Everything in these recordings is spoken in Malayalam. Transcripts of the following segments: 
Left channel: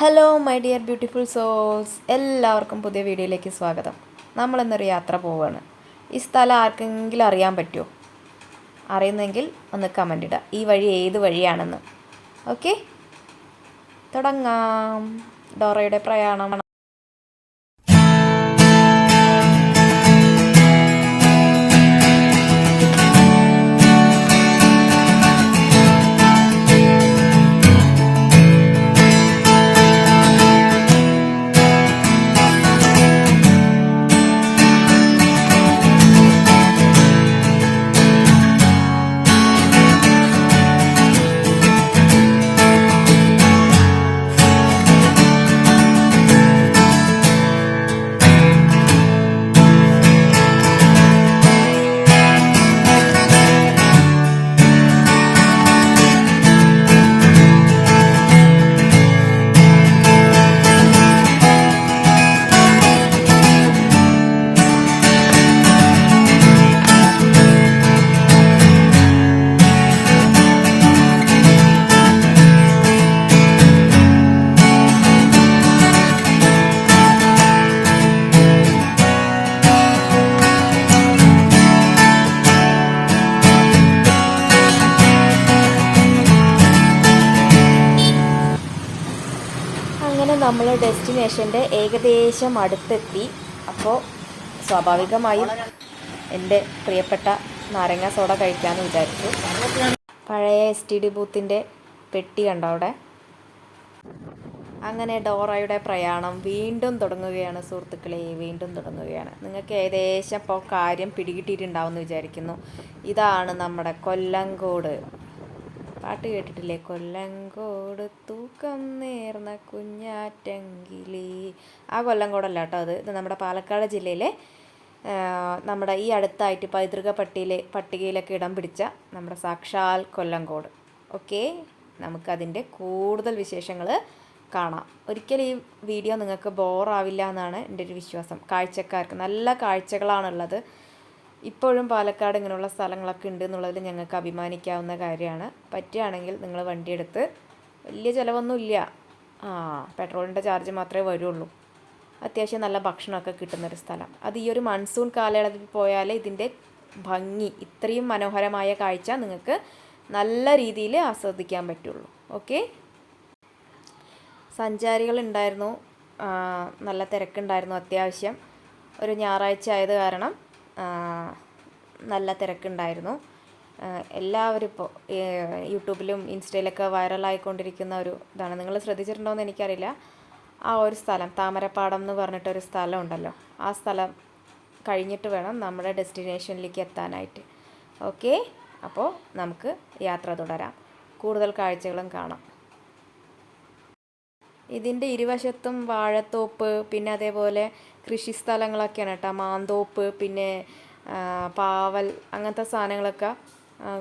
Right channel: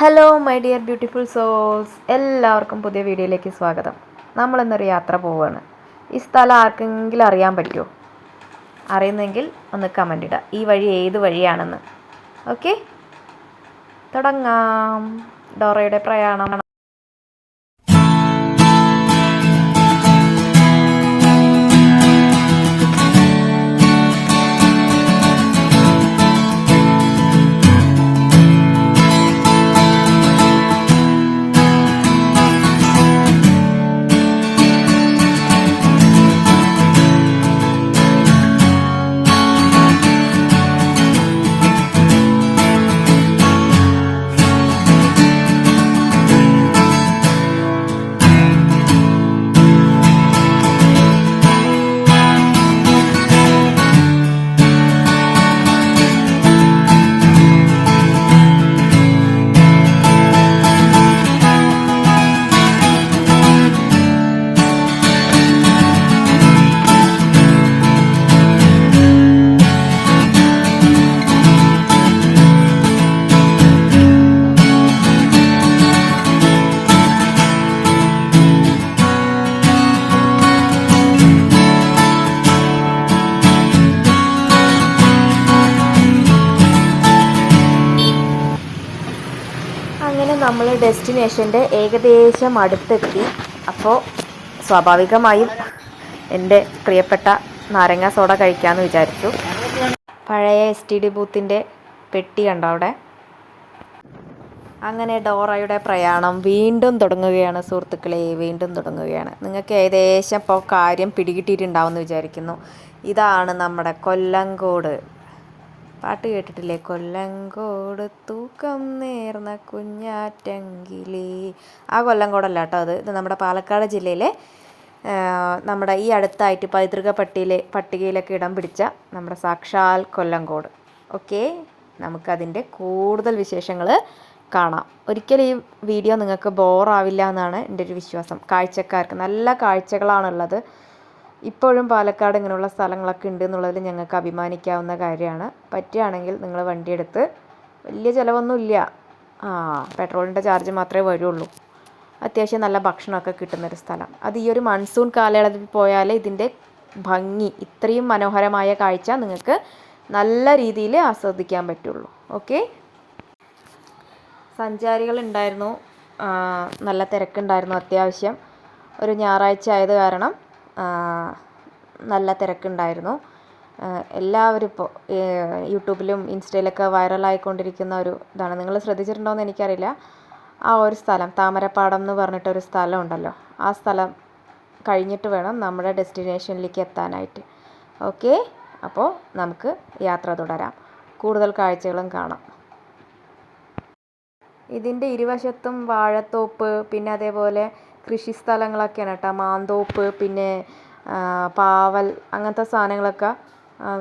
Hello my dear beautiful souls, എല്ലാവർക്കും പുതിയ വീഡിയോയിലേക്ക് സ്വാഗതം. നമ്മളിന്നൊരു യാത്ര പോവുകയാണ്. ഈ സ്ഥലം ആർക്കെങ്കിലും അറിയാൻ പറ്റുമോ? അറിയുന്നെങ്കിൽ ഒന്ന് കമൻ്റ് ഇടുക, ഈ വഴി ഏത് വഴിയാണെന്ന്. ഓക്കെ, തുടങ്ങാം. ഡോറയുടെ പ്രയാണം. അങ്ങനെ നമ്മൾ ഡെസ്റ്റിനേഷൻ്റെ ഏകദേശം അടുത്തെത്തി. അപ്പോൾ സ്വാഭാവികമായും എൻ്റെ പ്രിയപ്പെട്ട നാരങ്ങ സോഡ കഴിക്കാമെന്ന് വിചാരിച്ചു. പഴയ STD ബൂത്തിൻ്റെ പെട്ടി കണ്ടോ അവിടെ. അങ്ങനെ ഡോറയുടെ പ്രയാണം വീണ്ടും തുടങ്ങുകയാണ് സുഹൃത്തുക്കളെ, വീണ്ടും തുടങ്ങുകയാണ്. നിങ്ങൾക്ക് ഏകദേശം ഇപ്പോൾ കാര്യം പിടികിട്ടിയിട്ടുണ്ടാവുമെന്ന് വിചാരിക്കുന്നു. ഇതാണ് നമ്മുടെ കൊല്ലങ്കോട്. പാട്ട് കേട്ടിട്ടില്ലേ? കൊല്ലങ്കോട് തൂക്കം നേർന്ന കുഞ്ഞാറ്റങ്കിലേ. ആ കൊല്ലങ്കോടല്ല കേട്ടോ അത്. ഇത് നമ്മുടെ പാലക്കാട് ജില്ലയിലെ നമ്മുടെ ഈ അടുത്തായിട്ട് പൈതൃക പട്ടികയിലൊക്കെ ഇടം പിടിച്ച നമ്മുടെ സാക്ഷാൽ കൊല്ലങ്കോട്. ഓക്കെ, നമുക്കതിൻ്റെ കൂടുതൽ വിശേഷങ്ങൾ കാണാം. ഒരിക്കലും ഈ വീഡിയോ നിങ്ങൾക്ക് ബോറാവില്ല എന്നാണ് എൻ്റെ ഒരു വിശ്വാസം. കാഴ്ചക്കാർക്ക് നല്ല കാഴ്ചകളാണുള്ളത്. ഇപ്പോഴും പാലക്കാട് ഇങ്ങനെയുള്ള സ്ഥലങ്ങളൊക്കെ ഉണ്ട് എന്നുള്ളതിൽ ഞങ്ങൾക്ക് അഭിമാനിക്കാവുന്ന കാര്യമാണ്. പറ്റുകയാണെങ്കിൽ നിങ്ങൾ വണ്ടിയെടുത്ത്, വലിയ ചിലവൊന്നുമില്ല, പെട്രോളിൻ്റെ ചാർജ് മാത്രമേ വരുള്ളൂ. അത്യാവശ്യം നല്ല ഭക്ഷണമൊക്കെ കിട്ടുന്നൊരു സ്ഥലം. അത് ഈ ഒരു മൺസൂൺ കാലയളവിൽ പോയാൽ ഇതിൻ്റെ ഭംഗി, ഇത്രയും മനോഹരമായ കാഴ്ച നിങ്ങൾക്ക് നല്ല രീതിയിൽ ആസ്വദിക്കാൻ പറ്റുള്ളൂ. ഓക്കെ, സഞ്ചാരികളുണ്ടായിരുന്നു, നല്ല തിരക്കുണ്ടായിരുന്നു. അത്യാവശ്യം ഒരു ഞായറാഴ്ച ആയത് കാരണം നല്ല തിരക്കുണ്ടായിരുന്നു. എല്ലാവരും ഇപ്പോൾ യൂട്യൂബിലും ഇൻസ്റ്റയിലൊക്കെ വൈറലായിക്കൊണ്ടിരിക്കുന്ന ഒരു ഇതാണ്. നിങ്ങൾ ശ്രദ്ധിച്ചിട്ടുണ്ടോ എന്ന് എനിക്കറിയില്ല. ആ ഒരു സ്ഥലം താമരപ്പാടം എന്ന് പറഞ്ഞിട്ടൊരു സ്ഥലം ഉണ്ടല്ലോ, ആ സ്ഥലം കഴിഞ്ഞിട്ട് വേണം നമ്മുടെ ഡെസ്റ്റിനേഷനിലേക്ക് എത്താനായിട്ട്. ഓക്കെ, അപ്പോൾ നമുക്ക് യാത്ര തുടരാം. കൂടുതൽ കാഴ്ചകളും കാണാം. ഇതിൻ്റെ ഇരുവശത്തും വാഴത്തോപ്പ്, പിന്നെ അതേപോലെ കൃഷി സ്ഥലങ്ങളൊക്കെയാണ് കേട്ടോ. മാന്തോപ്പ്, പിന്നെ പാവൽ, അങ്ങനത്തെ സാധനങ്ങളൊക്കെ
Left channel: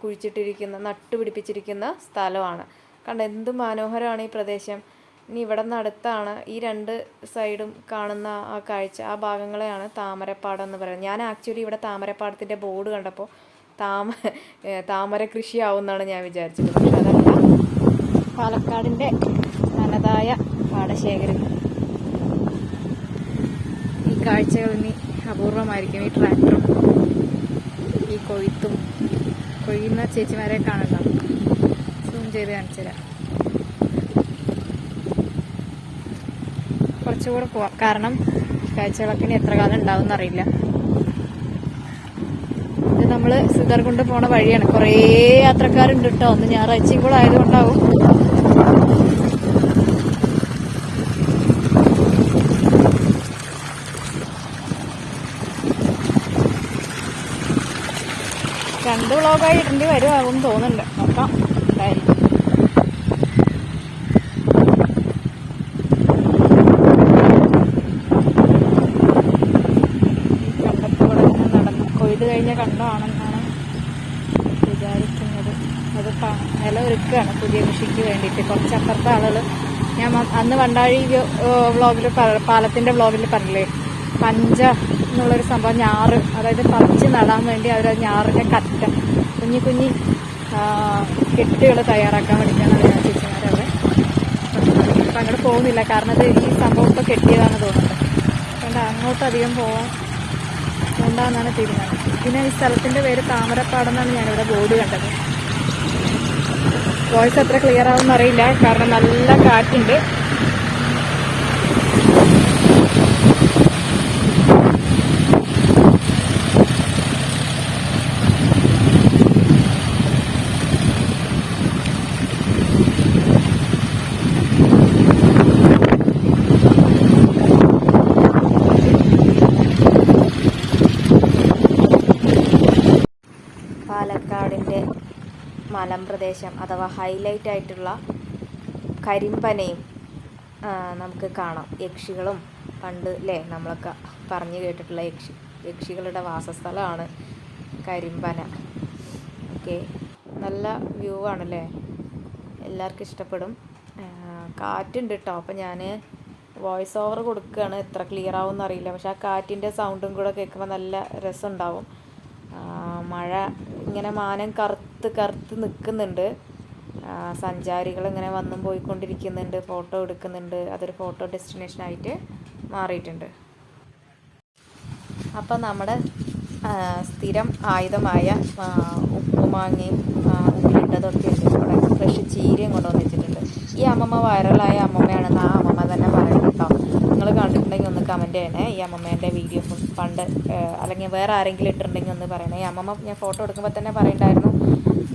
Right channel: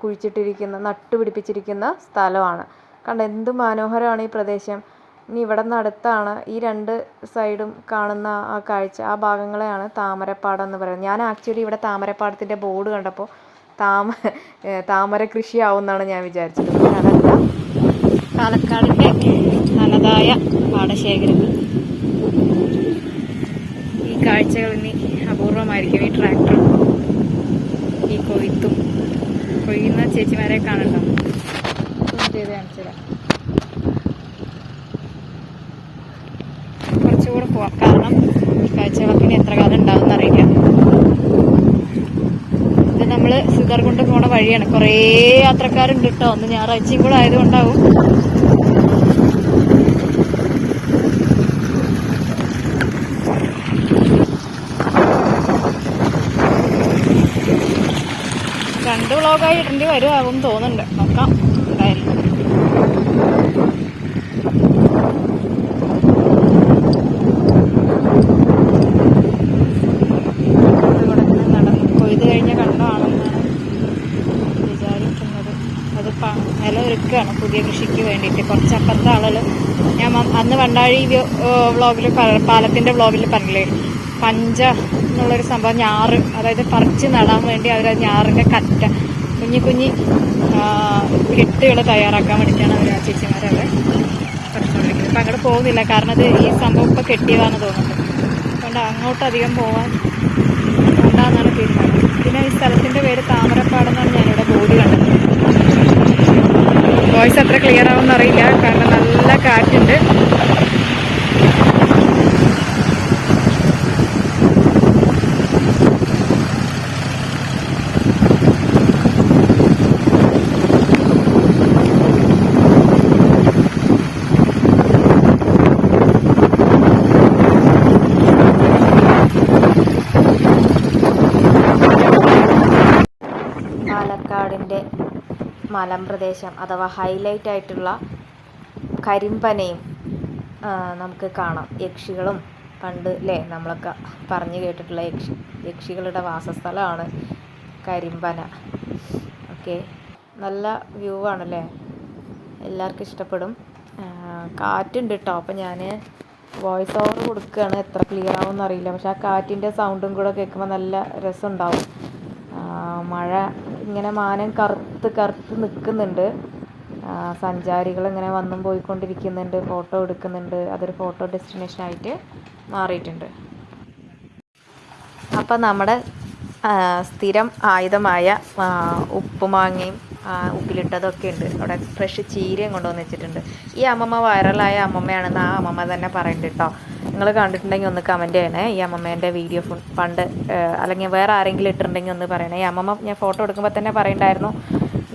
കുഴിച്ചിട്ടിരിക്കുന്ന, നട്ടുപിടിപ്പിച്ചിരിക്കുന്ന സ്ഥലമാണ്. കണ്ടോ എന്ത് മനോഹരമാണ് ഈ പ്രദേശം. ഇനി ഇവിടെ നിന്ന് അടുത്താണ് ഈ രണ്ട് സൈഡും കാണുന്ന ആ കാഴ്ച. ആ ഭാഗങ്ങളെയാണ് താമരപ്പാടം എന്ന് പറയുന്നത്. ഞാൻ ആക്ച്വലി ഇവിടെ താമരപ്പാടത്തിൻ്റെ ബോർഡ് കണ്ടപ്പോൾ താമര കൃഷിയാവും എന്നാണ് ഞാൻ വിചാരിച്ചത്. അതല്ല, പാലക്കാടിൻ്റെ തനതായ പാടശേഖരങ്ങൾ. ഈ കാഴ്ചകൾ ഇനി അപൂർവമായിരിക്കും. ഈ ട്രാക്ടറും ഈ കൊയ്യുന്ന ചേച്ചിമാരെ കാണണ്ടോ? സൂം ചെയ്ത് കാണിച്ചുതരാം. കുറച്ചുകൂടെ പോവാം, കാരണം കാഴ്ചകളൊക്കെ ഇനി എത്ര കാലം ഉണ്ടാവും എന്നറിയില്ല. ഇത് നമ്മൾ സിതർകുണ്ട് പോണ വഴിയാണ്. കുറേ യാത്രക്കാരുണ്ട് കേട്ടോ. ഒന്ന് ഞായറാഴ്ചയും കൂടെ ആയതുകൊണ്ടാവും. രണ്ട് വ്ളോഗായി ഇടേണ്ടി വരുമാകും തോന്നുന്നുണ്ട്. നോക്കാം എന്തായാലും. കണ്ടത്തിലൂടെ നടന്ന് കൊയ്ത് കഴിഞ്ഞ കണ്ടമാണെന്നാണ് വിചാരിക്കുന്നത്. അത് നില ഒരുക്കുകയാണ് പുതിയ കൃഷിക്ക് വേണ്ടിയിട്ട്. കുറച്ചപ്പുറത്തെ ആളുകൾ, ഞാൻ അന്ന് വണ്ടാഴി വ്ളോഗിൽ പാലത്തിൻ്റെ വ്ളോഗിൽ പറഞ്ഞില്ലേ, പഞ്ച എന്നുള്ളൊരു സംഭവം, ഞാറ്, അതായത് പറിച്ച് നടാൻ വേണ്ടി അവർ ഞാറിൻ്റെ കറ്റ കുഞ്ഞി കെട്ടുകൾ തയ്യാറാക്കാൻ വേണ്ടിയിട്ടാണ് അവർ ചേച്ചിമാരവിടെ പഠിച്ചുകൊണ്ടിരിക്കുന്നത്. അപ്പം അങ്ങോട്ട് പോകുന്നില്ല, കാരണം അത് ഈ സംഭവം ഇപ്പോൾ കെട്ടിയതാണ് തോന്നുന്നത്. അതുകൊണ്ട് അങ്ങോട്ട് അധികം പോകാൻ കൊണ്ടാന്നാണ് തീരുമാനം. പിന്നെ ഈ സ്ഥലത്തിൻ്റെ പേര് താമരപ്പാടെന്നാണ് ഞാനിവിടെ ബോർഡ് കണ്ടത്. വോയിസ് അത്ര ക്ലിയർ ആവുമെന്ന് അറിയില്ല, കാരണം നല്ല കാറ്റുണ്ട്. പാലക്കാടിൻ്റെ മലമ്പ്രദേശം അഥവാ ഹൈലൈറ്റ് ആയിട്ടുള്ള കരിമ്പനയും നമുക്ക് കാണാം. യക്ഷികളും പണ്ട് അല്ലേ നമ്മളൊക്കെ പറഞ്ഞു കേട്ടിട്ടുള്ള യക്ഷികളുടെ വാസസ്ഥലമാണ് കരിമ്പന. ഓക്കെ, നല്ല വ്യൂ ആണല്ലേ, എല്ലാവർക്കും ഇഷ്ടപ്പെടും. കാറ്റുണ്ട് കേട്ടോ, അപ്പം ഞാൻ വോയിസ് ഓവർ കൊടുക്കുകയാണ്. എത്ര ക്ലിയർ ആവുമെന്ന് അറിയില്ല, പക്ഷെ ആ കാറ്റിൻ്റെ സൗണ്ടും കൂടെ കേൾക്കുമ്പോൾ നല്ല രസമുണ്ടാവും. മഴ ഇങ്ങനെ മാനം കറുത്ത് നിൽക്കുന്നുണ്ട്. സഞ്ചാരികൾ ഇങ്ങനെ വന്നും പോയിക്കൊണ്ടിരിക്കുന്നുണ്ട്, ഫോട്ടോ എടുക്കുന്നുണ്ട്. അതൊരു ഫോട്ടോ ഡെസ്റ്റിനേഷനായിട്ട് മാറിയിട്ടുണ്ട്. അപ്പം നമ്മുടെ സ്ഥിരം ആയുധമായ ഉപ്പുമാങ്ങയും ഉപ്പിലിട്ടതൊക്കെ ഉണ്ട്. അവിടെ ഫ്രഷ് ചീരയും കൊണ്ടുവന്ന് വെച്ചിട്ടുണ്ട്. ഈ അമ്മമ്മ വൈറലായ അമ്മമ്മയാണെന്ന് ആ അമ്മമ്മ തന്നെ പറയട്ടെ കേട്ടോ. നിങ്ങൾ കണ്ടിട്ടുണ്ടെങ്കിൽ ഒന്ന് കമൻറ്റ് ചെയ്യണേ. ഈ അമ്മമ്മേൻ്റെ വീഡിയോ പണ്ട് അല്ലെങ്കിൽ വേറെ ആരെങ്കിലും ഇട്ടിട്ടുണ്ടെങ്കിൽ ഒന്ന് പറയണേ. ഈ അമ്മമ്മ ഞാൻ ഫോട്ടോ എടുക്കുമ്പോൾ തന്നെ പറയണ്ടായിരുന്നു,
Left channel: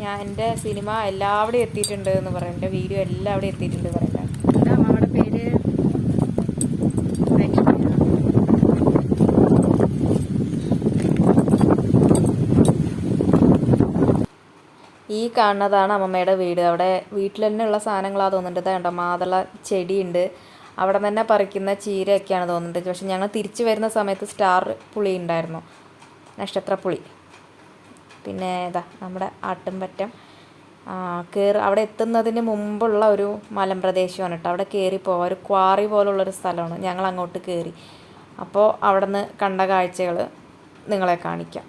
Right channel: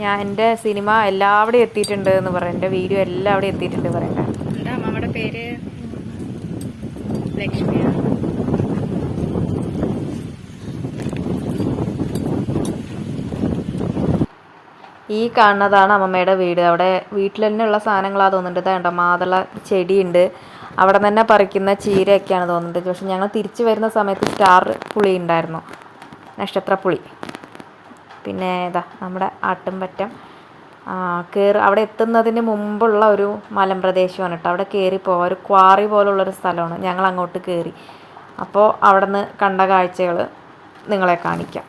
ഞാൻ എൻ്റെ സിനിമ എല്ലാവിടെയും എത്തിയിട്ടുണ്ട് എന്ന് പറയും, എൻ്റെ വീഡിയോ എല്ലാവിടെയും എത്തിയിട്ടുണ്ട് പറയണ്ട. എന്താ അമ്മമ്മയുടെ പേര്? ലക്ഷ്മിയാണ്. ഈ കാണുന്നതാണ് അമ്മമ്മയുടെ വീട്. അവിടെ വീട്ടിൽ തന്നെ ഉള്ള സാധനങ്ങളാണ് തോന്നുന്നുണ്ട്. ഇതാണ്ടോ മാതള ചെടിയുണ്ട്, അവിടെ തന്നെ പറിക്കുന്ന ചീരയൊക്കെയാണ് തോന്നുന്നുണ്ട്. പക്ഷെ ഞങ്ങൾ തിരിച്ചു വരുന്ന സമയത്ത് സ്റ്റാർ പുളി ഉണ്ടായിരുന്നു, നക്ഷത്രപ്പുളി. പിന്നെ ഇതാ നമ്മുടെ ആട്ടുംപറ്റം അവിടെ എത്തുന്നതിന് മുമ്പുള്ള ഒരു മലമ്പ്രദേശമാണ് കേട്ടോ. അവിടെ കയറി പോവാം, ഒരു ക്വാറി പോലുള്ളൊരു സ്ഥലമാണ്. ഞങ്ങൾ അങ്ങോട്ട് കയറി. അപ്പോൾ അവിടെ നിന്ന് കണ്ട കാഴ്ചകൾ നിങ്ങളെ കാണിക്കാം.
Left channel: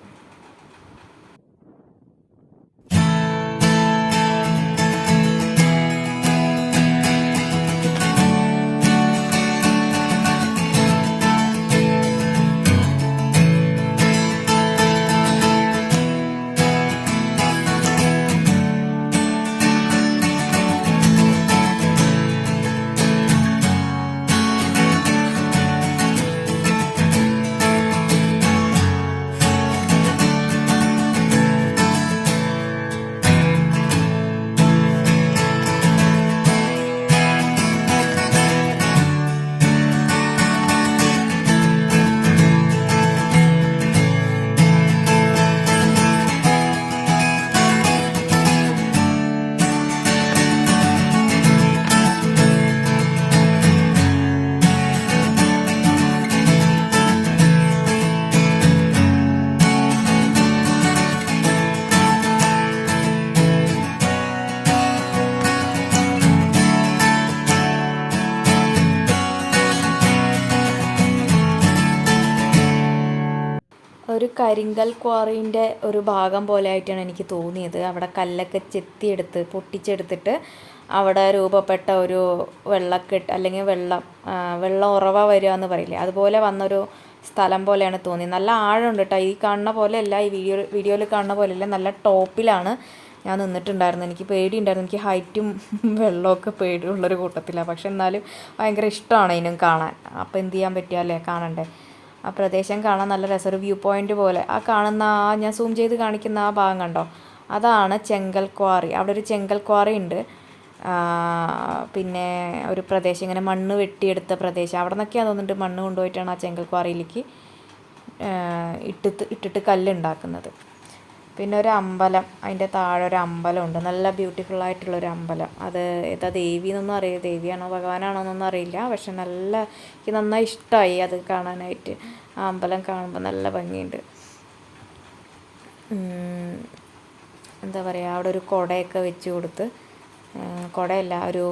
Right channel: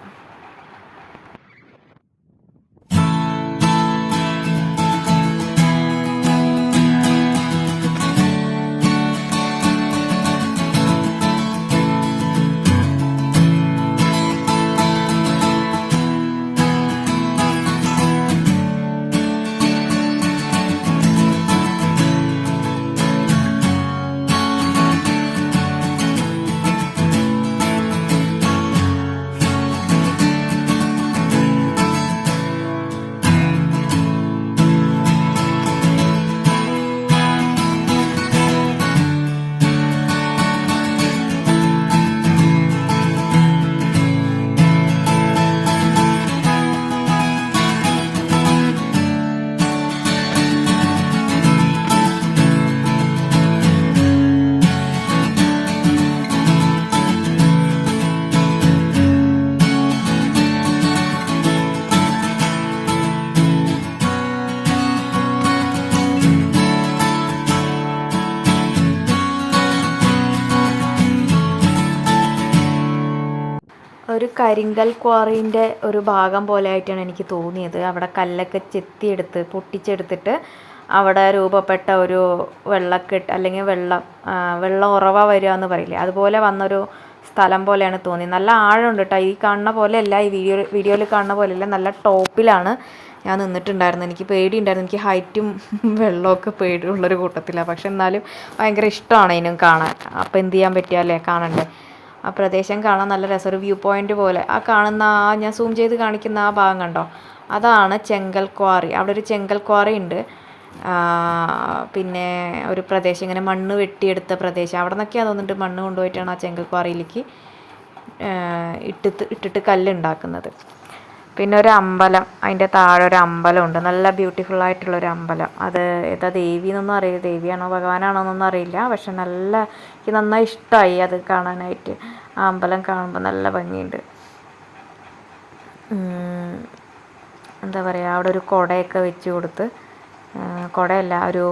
ഒരു കരിങ്കൽ ക്വാറീൻ്റെ ഒരു ഭാഗം പോലെ ആയിട്ടാണ് എനിക്ക് തോന്നിയത്. അവിടെ കല്ലൊക്കെ ചെത്തിയെടുത്ത് പൊട്ടിച്ചെടുത്തിട്ട് അവിടെ രൂപപ്പെട്ട ഒരു വെള്ളക്കെട്ട് അല്ലെങ്കിൽ വെള്ളം ഉറവ വരിക എന്ന് പറയില്ലേ, അതുപോലെ വന്നൊരു സ്ഥലം പോലെയാണ് തോന്നിയത്. നല്ല ആഴമുണ്ട് കേട്ടോ. ഈ കാണുന്ന പോലെയല്ല, ഈ വീഡിയോയിൽ കാണുന്ന പോലെയല്ല, നല്ല ടോപ്പിലാണ് ഞാൻ നിന്നിട്ടുണ്ടായിരുന്നു. എനിക്ക് പേടിയുണ്ടായിരുന്നു, എനിക്ക് ഹൈറ്റും വെള്ളമൊക്കെ പേടിയുള്ളൊരു കൂട്ടത്തിലാണ്. പക്ഷെ എന്നാലും ഭയങ്കര ഇഷ്ടമാണ് ഇതിനും കാണാൻ. അപ്പോൾ എന്ത് ചെയ്യാൻ പറ്റിയല്ലേ, കാണണ്ടേ. ആ പ്രദേശം കാണാൻ നല്ല രസം, ഒരു വ്യൂ പോയിൻ്റ് പോലെ. ആ കാണുന്ന ഞാൻ സൂം ചെയ്ത് കാണിക്കുന്ന ആ ഭാഗം കണ്ടോ, അതാണ് ചെങ്കൽ ക്വാറി. അവിടെ ഒരു ചെങ്കൽ ക്വാറി ഉണ്ട്. പിന്നെ ഒരു പ്രദേശം ഇങ്ങനെ മണ്ണ് വെട്ടിയെടുത്ത പ്രദേശം, അവിടെ നിന്നൊക്കെയാണ് തോന്നുന്നുണ്ട് മണ്ണ് കൊണ്ടുപോയിട്ടാണ് ആ ചെങ്കൽ ക്വാറിയിലേക്ക് ഇട്ടിട്ട് കല്ലുണ്ടാക്കുന്നത്. പിന്നെ ഒരു അമ്പലം, അതിൻ്റെ താഴെ ഒരു അമ്പലമുണ്ട്, നല്ല ബ്യൂട്ടിഫുൾ ആയിട്ടുള്ളൊരു അമ്പലം. അത് ഏതാ ദേവി എന്നൊന്നും അറിയില്ല, ദേവിയാണോ ഭഗവാനാണോ എന്നൊന്നും അറിയില്ല. പക്ഷെ എനിക്ക് നന്നായി ഇഷ്ടമായി അത് കാണാനായിട്ട്. ആ അമ്പലം കാണുമ്പോൾ നല്ല ഭംഗിയുണ്ട്. എന്താ പറയുക, അവിടെ ഒരു കുടയൊക്കെ വെച്ച് കൊടുത്ത്, കുടയല്ല, ഒരു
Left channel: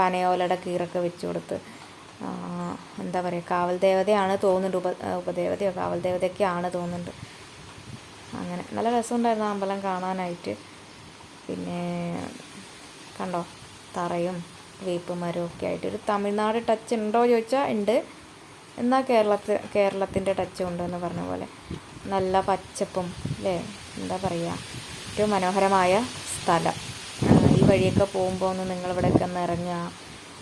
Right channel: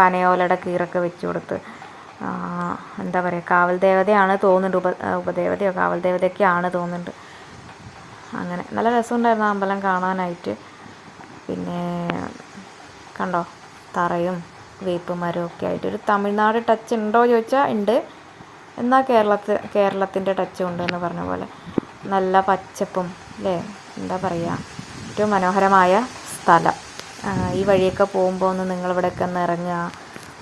പനയോലയുടെ കീറൊക്കെ വെച്ച് കൊടുത്ത്, എന്താ പറയുക, കാവൽ ദേവതയാണ് തോന്നുന്നുണ്ട്, ഉപദേവതയോ കാവൽ ദേവതയൊക്കെയാണ് തോന്നുന്നുണ്ട്. അങ്ങനെ നല്ല രസമുണ്ടായിരുന്നു അമ്പലം കാണാനായിട്ട്. പിന്നെ കണ്ടോ, തറയും വേപ്പ് മരമൊക്കെ ആയിട്ട് ഒരു തമിഴ്നാട് ടച്ച് ഉണ്ടോ ചോദിച്ചാൽ ഉണ്ട്, എന്നാൽ കേരളത്തിൻ്റെ ടച്ചും ഉണ്ട് എന്ന് പറഞ്ഞ പോലെ നല്ല പച്ചപ്പും അല്ലേ, എന്താ പറയുക, ഒരു മനോഹരമായ സ്ഥലം. ഈ വഴിയൊക്കെ പോകുമ്പോൾ ഒന്ന് നിങ്ങളിവിടെയൊക്കെ ഒന്ന് ഇറങ്ങുക,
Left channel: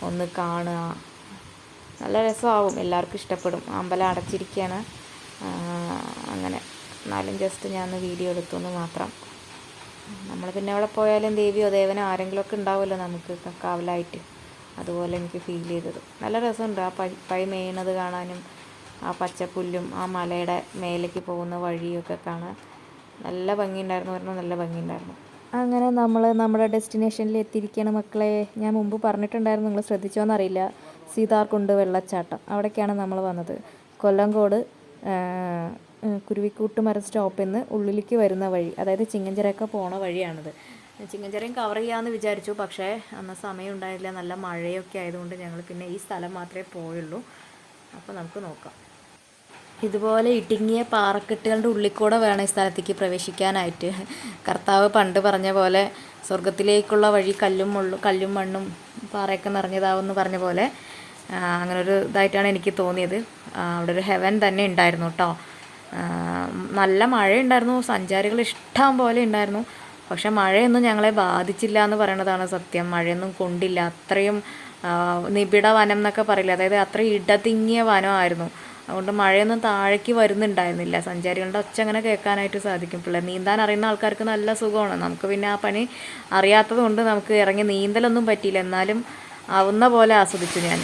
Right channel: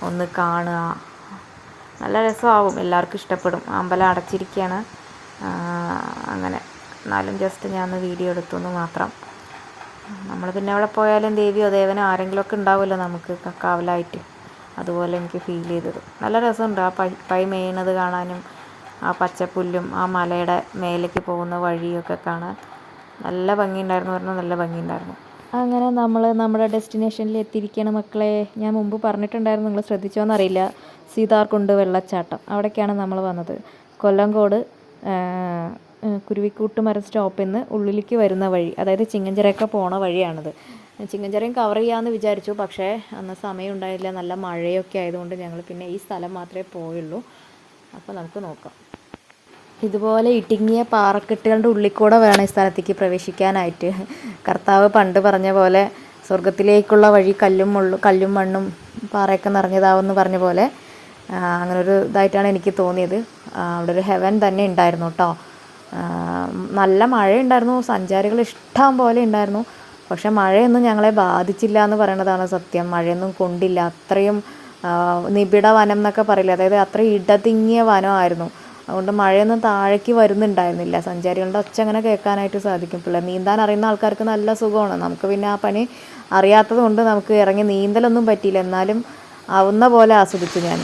ഒന്ന് കാണുക, നല്ല രസമാവും, എല്ലാവർക്കും ഇഷ്ടപ്പെടും. അമ്പലം അടച്ചിരിക്കുകയാണ്, അങ്ങനെ എന്നാലും ജസ്റ്റ് ഞാനൊന്ന് വീഡിയോ എടുത്തു മാത്രം. നമ്മൾ പിന്നെ അവിടെ പോയാലും ദേവിയോ ദേവനോ ആരെങ്കിലുമൊക്കെ ഉണ്ടാവുമല്ലോ നമുക്ക് കാവലായിട്ട്, അതുപോലെ എനിക്ക് ഫീൽ ചെയ്തത്. നല്ല രസമുണ്ട് ആ പൈ മേയണത് കാണാനും, ആ പച്ചപ്പുല്ലും ആ മലയുടെ മേലേക്ക് പോകുന്ന വഴിയൊക്കെ കാണാൻ നല്ല ഭംഗിയുണ്ടായിരുന്നു, പറഞ്ഞാൽ നല്ല ഭംഗിയുണ്ടായിരുന്നു. അങ്ങനെ നമ്മൾ നമ്മുടെ ഡെസ്റ്റിനേഷനിൽ എത്തിയിരിക്കുകയാണ് മക്കളെ. ഞാൻ മുമ്പ് പറഞ്ഞിട്ടുണ്ടായിരുന്നു, നിങ്ങൾ ശ്രദ്ധിച്ചോന്നറിയില്ല, സീതാർകുണ്ട് വെള്ളച്ചാട്ടം, അവിടേക്കാണ് നമ്മൾ വന്നത്. കൊല്ലങ്കോട് കുരുവിക്കൂട്ട് മരം സ്റ്റോപ്പിൽ നിന്ന് ഉള്ളിലേക്ക് വരുന്ന വഴി, അതായത് ചിങ്ങഞ്ചിറയൊക്കെ പോണ വഴിയാണിത്. ചിങ്ങഞ്ചിറയും കവർ ചെയ്യാമെന്ന് വിചാരിച്ചു, പക്ഷേ അന്ന് സമയം ഉണ്ടായില്ല, നല്ല മഴയൊക്കെ ആയതുകൊണ്ട് ഞങ്ങൾ പിന്നെ ഈ സ്ഥലം മാത്രമേ പോയുള്ളൂ. അപ്പോൾ നമുക്ക് നോക്കാം. ഇതുപോലെ ഇടുങ്ങിയ പാറക്കെട്ടുകളുടെ ഉള്ളിൽ കൂടെ വേണം ഈ സ്ഥലത്തേക്ക് പ്രവേശിക്കാനായിട്ട്. കർത്താവ് പണ്ട് പറഞ്ഞ പോലെ സ്വർഗത്തിലേക്കുള്ള വഴി കല്ലും മണ്ണും പാറയൊക്കെ നിറഞ്ഞതാവെന്ന് പറഞ്ഞ പോലെ അങ്ങനൊരു ഇതായിട്ടാണ് എനിക്ക് തോന്നിയത്. അവിടെ ഒരു ഹെവൻ തന്നെ ഉണ്ടായിരുന്നു കേട്ടോ. നല്ല മഴയുണ്ടായിരുന്നു, സഞ്ചാരികൾ ഇഷ്ടം പോലെ ഉണ്ടായിരുന്നു. പക്ഷെ മഴയൊന്നും ഞങ്ങളെ ബാധിച്ചില്ല എന്ന് പറയണതാണ് സത്യം. മഴയൊന്നും കൊണ്ടില്ല. അത്രയും നിബിഡ വനം എന്നൊക്കെ പറയില്ല, അതായത് അത്രയും ഇടതിങ്ങിയ വനമായിരുന്നു. അതുകൊണ്ട് മഴയൊന്നും താഴേക്ക് വരുന്നുണ്ടായിരുന്നില്ല. സഞ്ചാരികളുടെ ഒച്ച അങ്ങനെ കേൾക്കാനായിട്ട് സാധിക്കും. നീന്താൻ അറിയുന്ന ആൾക്കാർക്ക് നല്ല സുഖമാണ്. നമുക്ക് പിന്നെ ആ പണി അറിയാത്തത് കൊണ്ട് നമുക്ക് ഇറങ്ങി നീന്തലൊന്നും പറ്റിയില്ല. എന്നാലും ആവുന്ന പോലെ ആസ്വദിച്ചു ഞാൻ.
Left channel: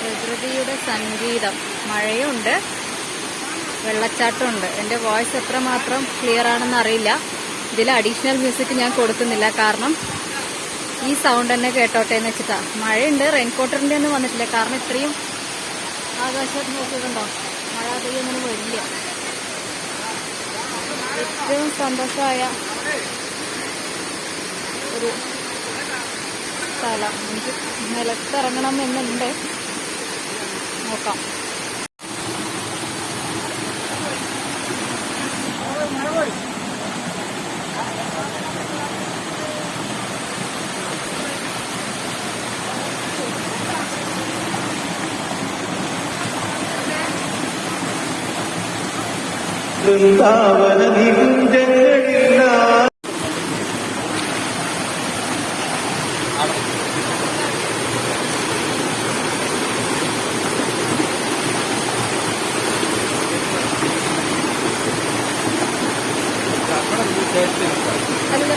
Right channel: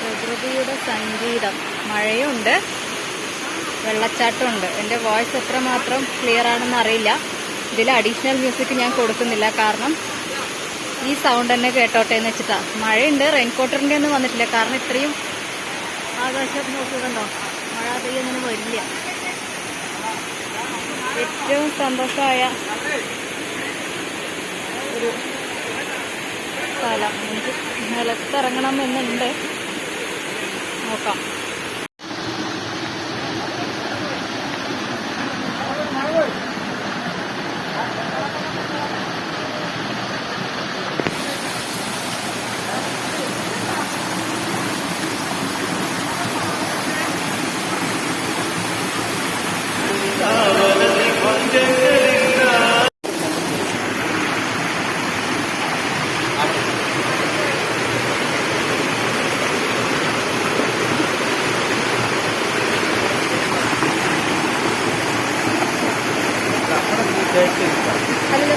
പ്രകൃതിയുടെ സംഗീതം, മഴയുണ്ട്, വെള്ളച്ചാട്ടമുണ്ട്. എൻ്റെ വോയിസ് എത്രമാത്രം ക്ലിയർ ആണെന്ന് അറിയില്ല. ഇതിൽ അഡീഷണൽ മ്യൂസിക് ഞാൻ കൊടുക്കുന്നില്ല, കാരണം ഈ സൗണ്ട് തന്നെ കേട്ടോട്ടെ എന്ന് വെച്ചിട്ടാ. മഴയുണ്ട്, റെയിൻകോട്ടറിൻ്റെ ഒന്നും വന്നിട്ടില്ല, കാരണം ഇത്രയും ആകാശം നോക്കുന്നുണ്ടോ, മഴ പെയ്യൊന്നും വരില്ല. ഏറ്റവും സന്തോഷമായ ഒരു സ്ഥലം. എനിക്ക് നിലത്തിറങ്ങണം എന്നുണ്ട്, നോക്കാം. Ano na